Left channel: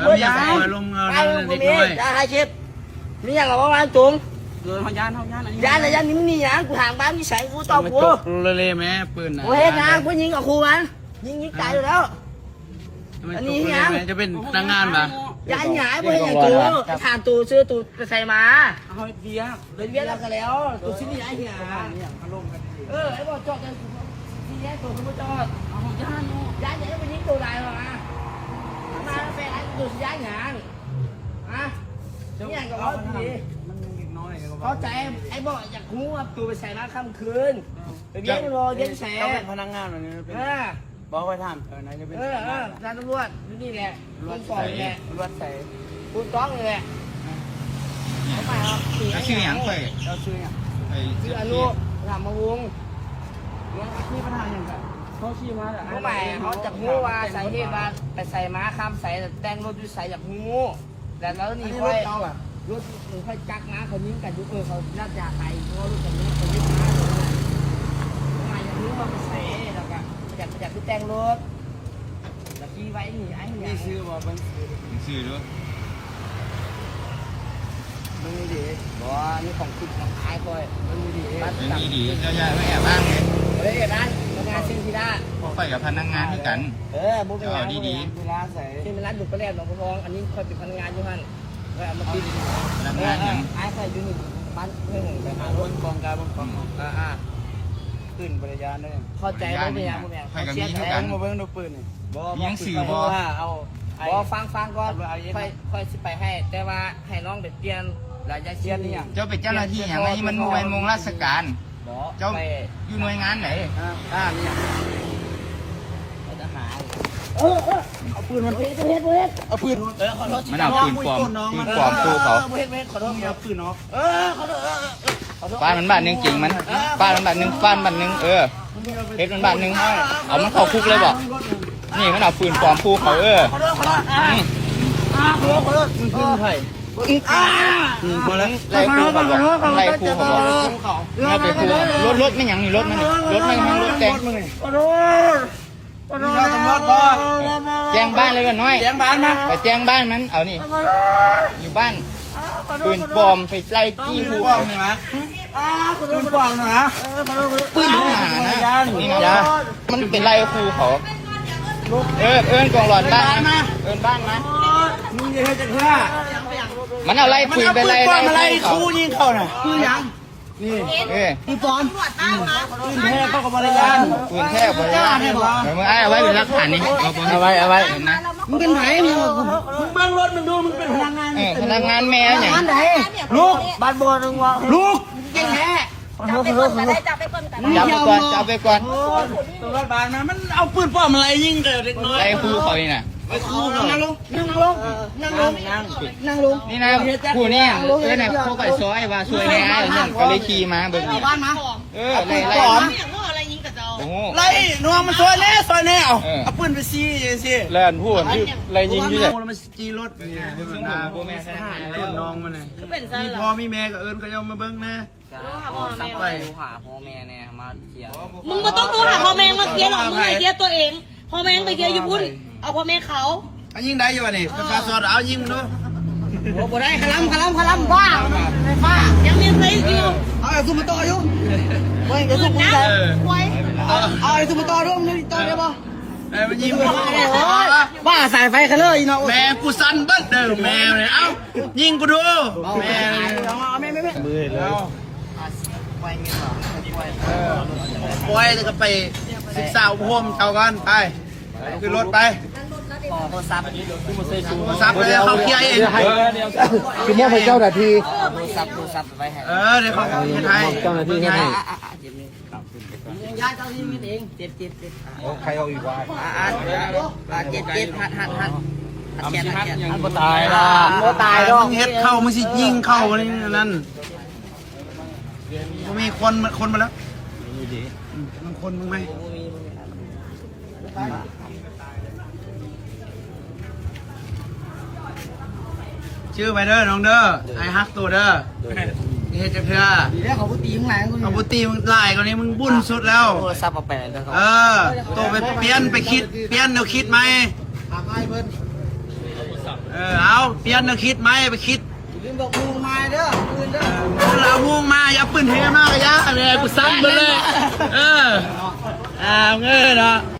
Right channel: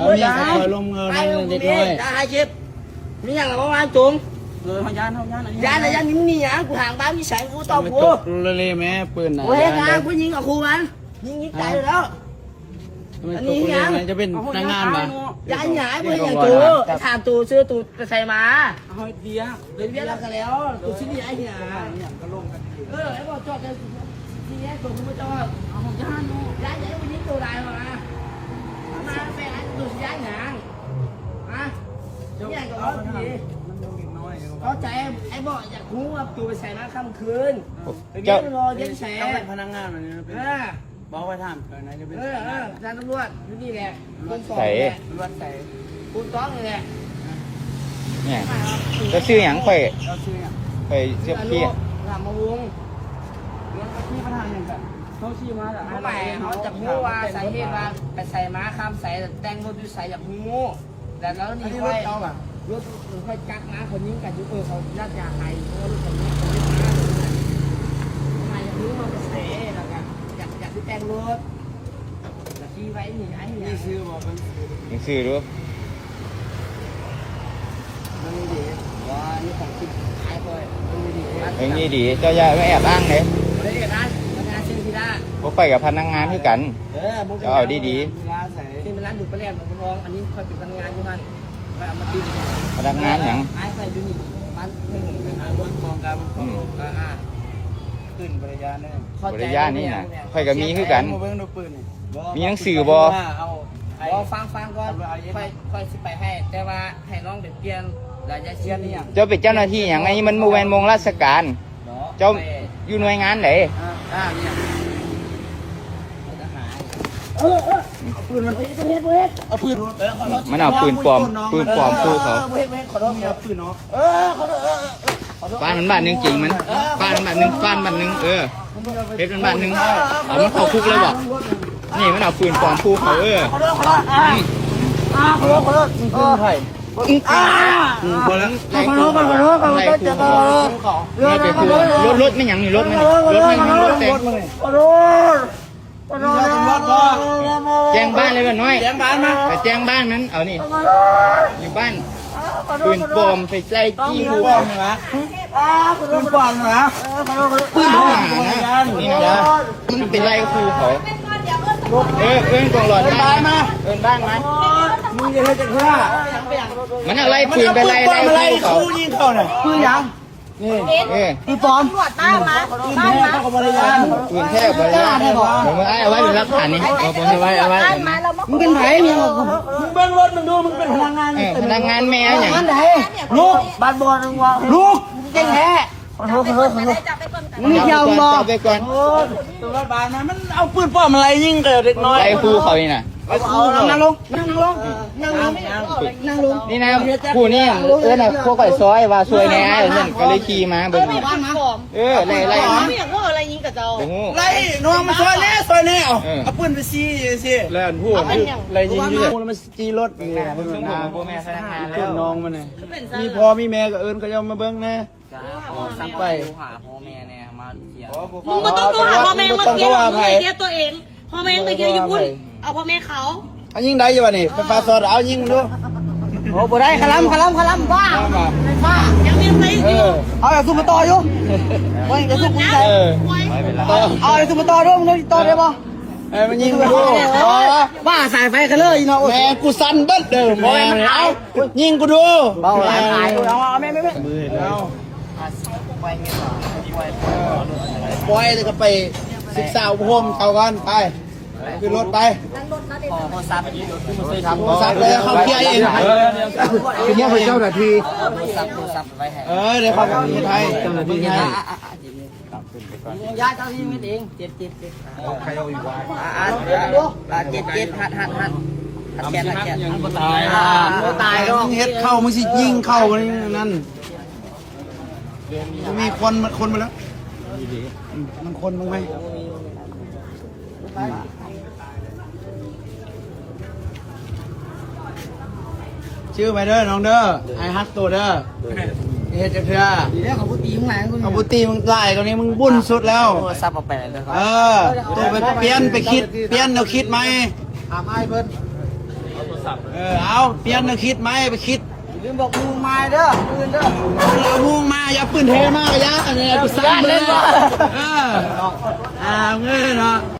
อย่าลงเงินเด็กน้อยอย่าให้ชิปนี่อย่างไรบ้างจุ๋มเขาย่านนี่อย่างกูห่างบ้านนี่ใส่กูตอบกูเลยแม่ปืนนะกูเห็นงานกูยิงกับครูมันยิงตายแล้วอันนี้ยังจะเป็นนางงานป่ะยายหงายกูเห็นอย่างตูถามตูซื้อตูใส่มาเอาเบียร์เบียร์กันแล้วตูชิ้นนี้ไอ้เหี้ยไอ้บอกจอดทีนี้ตูกูจอดเอาย่านใหญ่กูยิงตูได้มาไปไอ้ตูย้ายหงายอ่ะนี่ก็ว่าดีเข้าใจไอ้บอกอยากรู้ว่าตูไปใส่มาค่ำคืนเบียร์รอเย็นแสบเป็นพนักงานอะไรบอกไปถามนายจะเป็นร้านตำรวจนี่แหละรถใส่รถใส่คุณต้องเลยเนี่ยจะซื้ออย่างค่อยเราซื้ออย่างไปเสื้อลูกทำมาวงที่ประธานอย่างแบบเขาชี้มาแต่เขาใหม่เขาจะรู้ว่าสาเหตุว่าไปใส่ม้าข้ามใส่แต่งรถอยู่ใส่อย่างงูแต่แล้วนี่ค่อยรถค่อยจักม้าเขายิงกันยุเขาญาติยาใครเพราะรถคันนี้เขายึดม้าเลยทำไมอยากรู้ว่าไปใส่แล้วกันอยากที่แต่งรถแล้วขี่ไว้นี่ไอ้เนี่ยซื้อบอกมันซื้อดูมันดีว่านี่ของจริงขายค่อยนี่ดีเจ้าย่าไม่แอบอ้างเลยเฮ้ยร้านพนักงานซิงที่ด้านก็ไปกับพนักงานที่กันเอาดีๆที่เป็นร้านดุปลาแหลมหนองบัวทองอันนี้ค่อยเป็นพนักงานอยู่ฮั่นค่อยเอามาติดพนักงานอย่างไอ้ค่อยอยู่นี่บ้านเพื่อนไปหารถกองการกองขึ้นบริยานได้เข้าใจเนี่ยค่อยกับมีคือกันมาเบิ้งดูปืนมีหนังสือบเอาฟังก่อนค่อยสิไปให้ แต่ว่าให้น้องไปเปลี่ยนรายชื่อนี่เจ้าเป็นเจ้าหน้าที่อย่างไรมันมูแวนมงราชการเจ้าอยู่หน่วยงานไหนเนี่ยเอาปืนมันเอาปืนมันเอาปืนปลอมสู้เขาขอโทษเอาปืนเนาะบ้านมันบ้านนึงจริงมันบ้านมันบ้านนึงเพชรมันบ้านนึงเอามันเข้าคุกเลยบอกนี่มันเอาปืนปลอมสู้เขาขอโทษขอโทษมึงคือใครคนละไล่คู่เขารถไม่หยังนี่รถไม่รถแต่งแจ้งบ้านเลยกันน้อยแจ้งบ้านมาไปแจ้งบ้านนั้นเอานี่อยู่บ้านปืนปลอมไปไล่จี้หัวใช่ไหมปืนปลอมนะปืนทหารนะนี่นะมันเป็นไล่คู่เขาเอิ้นกองหลอนบ้านมาเอิ้นบ้านมามึงจะให้จะฆ่ามันเอาไล่ปืนไปไล่คู่ยิงเขาหน่อยคือยังนี่ปืนปลอมปืนแท้เขาก็บริการปืนแท้บริการมึงเอาไว้เป็นหลักฐานนี่เอาไว้เห็นไหมมึงเป็นไหนมึงเบิ้งรถมึงดูมึงเป็นพนักงานพนักงานแม่อย่างไหนลูกบ้านบอลนึงวะลูกเก่งแท้จับไปก่อนตำรวจบ้านมันเอาปืนปลอมอะไรยิงเด็กน้อยไอ้ครูเขานี่น่ะนั่งลงนี่นะผู้นี่น่ะพวกไก่ซอยว่าซวยแน่ไอ้เรื่องก็เลยขี่มาเบิ่งนี่ไล่ไล่น้องมันซอยแน่เอาปืนไปซีสิไล่พูดไล่ยิงอยู่มันจีรถนี่เบิ่งนะขึ้นน้องมันเนี่ยมีพ่อมีแม่ก็เอิญก็ยังมาเบิ่งนะสั่งไปหาพ่อแม่เนี่ยมาเที่ยวมึงก็ต้องโทรหาพ่อแม่มาเที่ยวมึงไปเที่ยวตัวเองพ่อแม่ไปเที่ยวญี่ปุ่นเอาพ่อแม่เขาเอายิงได้อยู่ป่ะนี่ไฟฟ้าสดเอายิงดูโอ้บ่ได้คลัมบ้ายังมีใครอยู่เอาอย่าซุ่มต่ออยู่เฮ้ยอย่าซุ่มกูใส่เอาอย่าซุ่มต่อด้วยมึงต่อได้ป่ะมันยิงกูบ้าสายไฟกันเลยเนาะแม่กูสั่นเบิ้ลเดิมแม่เอายิงกูดูแม่เอาแม่มือแล้วปล่อยแล้วก็ไปศึกษาอุปโภคเช่ากันไปคือรถไปพอซับซับเลยเขาเกียร์เองคือเนี่ยเป็นเจ้าหน้าที่ซับไปเดี๋ยวเขาเกียร์ไทยเจ้าหน้าที่ไทยย้ายเจ้าที่ไม่เองเจ็บใครเอาอีกวะเจ็บหัดแกนมันตายละมึงเฮ็ดเข้ามึงสิยิงเข้ามันนั่นมีคนมาแล้วมันคนมึงไหมชื่อไปเด้อน้องเด้อไอฮักตัวเด้อเฮ็ดจักเถื่อดีแล้วเขาพูดตีมึงไหนเขาพูดตีมึงไล่กว่านี้มึงบุญสุดแล้วซับเอาไปเลยครับตัวไปเปลี่ยนไปคิดเปลี่ยนแนวคิดไหมไอ้เพิ่น เอาเปลี่ยนนะคิดไหมไปคิด ลืมบอกมูมาเด้อปืนเด้อ เรามุ่งมาอย่าปืนเทมากระยะอะไรกูสั่งเลยเงยเนาะ